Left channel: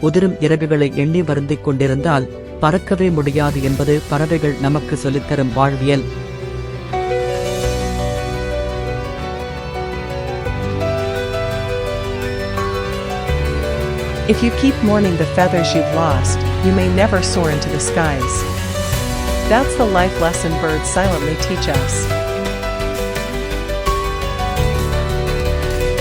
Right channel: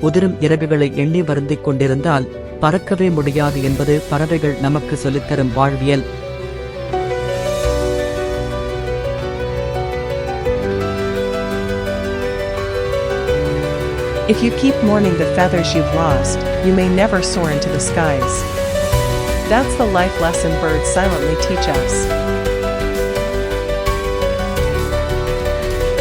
உதிரும் இறகுகளை எண்ணி வருந்திக் கொண்டிருந்தால் பறக்கவே முடியாது என்பது பறவைகள் நமக்கு சொல்லித்தரும் வாழ்வியல். If you keep mourning the feathers you've lost, you may never soar into the skies. That's the life lesson birds silently teach us.